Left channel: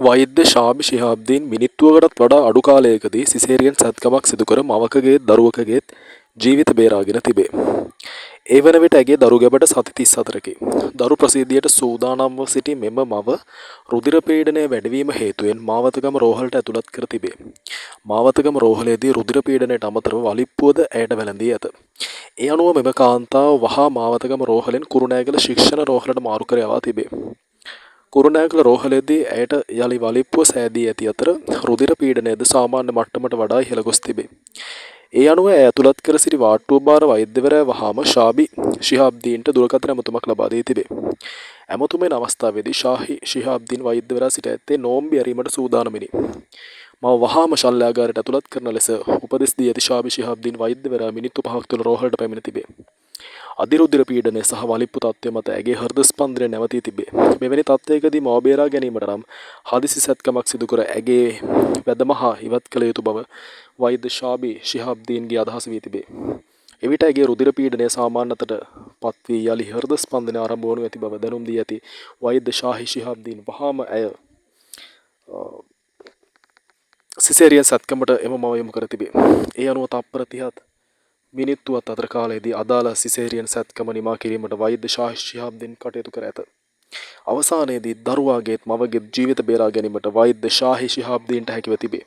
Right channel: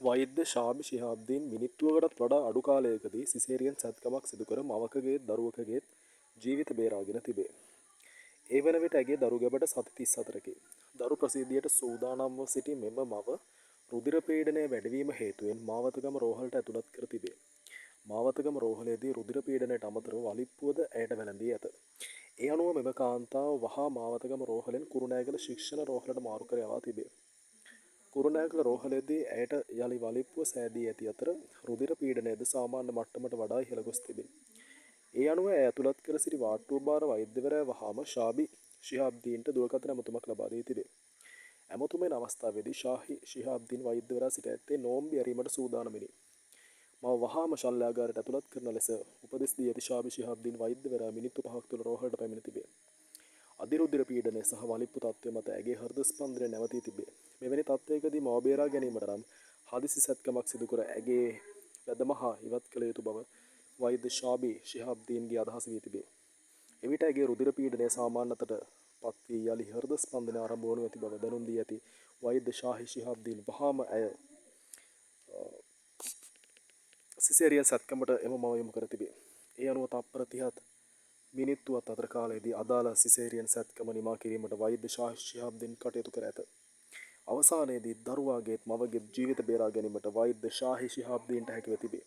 වෛද්‍ය ශාබි ශිහාබ්දීන් මිනිත්තුවකටත් වඩා අඩු කාලයකදී සිසේරියන් සැත්කමක් සිදුකර මවකගේත් දරුවකගේත් ජීවිත බේරාගෙන තිබේ. ඒ වන විට ඇගේ දරු ගැබට සති 34කි. දරු ප්‍රසූතියට සූදානම්ව සිටි මෙම මව රුධිර පීඩනය වැඩිවීම හේතුවෙන් මාවතගම රෝහලට ඇතුළත් කර තිබේ. මාවතගම රෝහලේදී රුධිර පීඩනයට අමතරව වලිප්පුවද ඇයට වැළඳී ඇත. ඒ අනුව මෙම කාන්තාව වහා මාවතගම රෝහලෙන් කුරුණෑගල ශික්ෂණ රෝහලට මාරු කර යවා තිබේ. කුරුණෑගල රෝහලේදී ඇයට යළි වලිප්පුව සෑදී ඇති අතර රුධිර පීඩනයද සාමාන්‍ය මට්ටමට වඩා ඉහළ ගොස් තිබේ. ඒ අනුව ඇය ඇතුළත් කර සිටි වාට්ටුව භාර වෛද්‍යවරයා වහාම ශාබි ශිහාබ්දීන්ට දුරකථන ඇමතුමක් ලබා දී තිබේ. ඇමතුමෙන් අවස්ථාවේදී ශාහි ශිහාබ්දීන් වෛද්‍යවරයා සිට ඇත්තේ නෝම්බි ඇරීමට සූදානමිනි. මව වහාම ශල්‍යාගාරයට ඇතුළත් කරන ලෙස උපදෙස් දී ඇති ශාබි ශිහාබ්දීන් වෛද්‍යවරයා මිනිත්තු 5ක් තුළ රෝහලට පැමිණ තිබේ. අධිරුධිර පීඩනය සහ වලිප්පු තත්ත්වය මත ඇගේ හෘද ස්පන්දනය නැවතී තිබේ. මෙවැනි තත්ත්වයකදී මව බේරා ගැනීමට නම් හදිසි සැත්කමක් සිදු කර ඇගේ වැදම හා ඉවත් කළ යුතු බව වෛද්‍ය ශාබි ශිහාබ්දීන්ගේ අදහස වී තිබේ. එවිට ඇගේ රුධිර පීඩනය සාමාන්‍ය අතට පත් වී යලි හෘද ස්පන්දනය ආරම්භ වනු ඇති බව දැනුම් දී ඇති වෛද්‍ය ශාහි ශිහාබ්දීන් වහාම ඇය සිසේරියන් සැත්කමට එම මව යොමු කර තිබේ. ඒ අනුව තත්පර 30ත් මිනිත්තුවත් අතර කාලයේදී අදාළ සිසේරියන් සැත්කම නිමා කිරීමට වෛද්‍ය ශාහි ශිහාබ්දීන් කටයුතු කර ඇත. අවසානයේදී දරුවාගේත් මවගේත් ජීවිත බේරා ගැනීමට වෛද්‍ය ශාහි ශිහාබ්දීන්ට හැකිව තිබේ.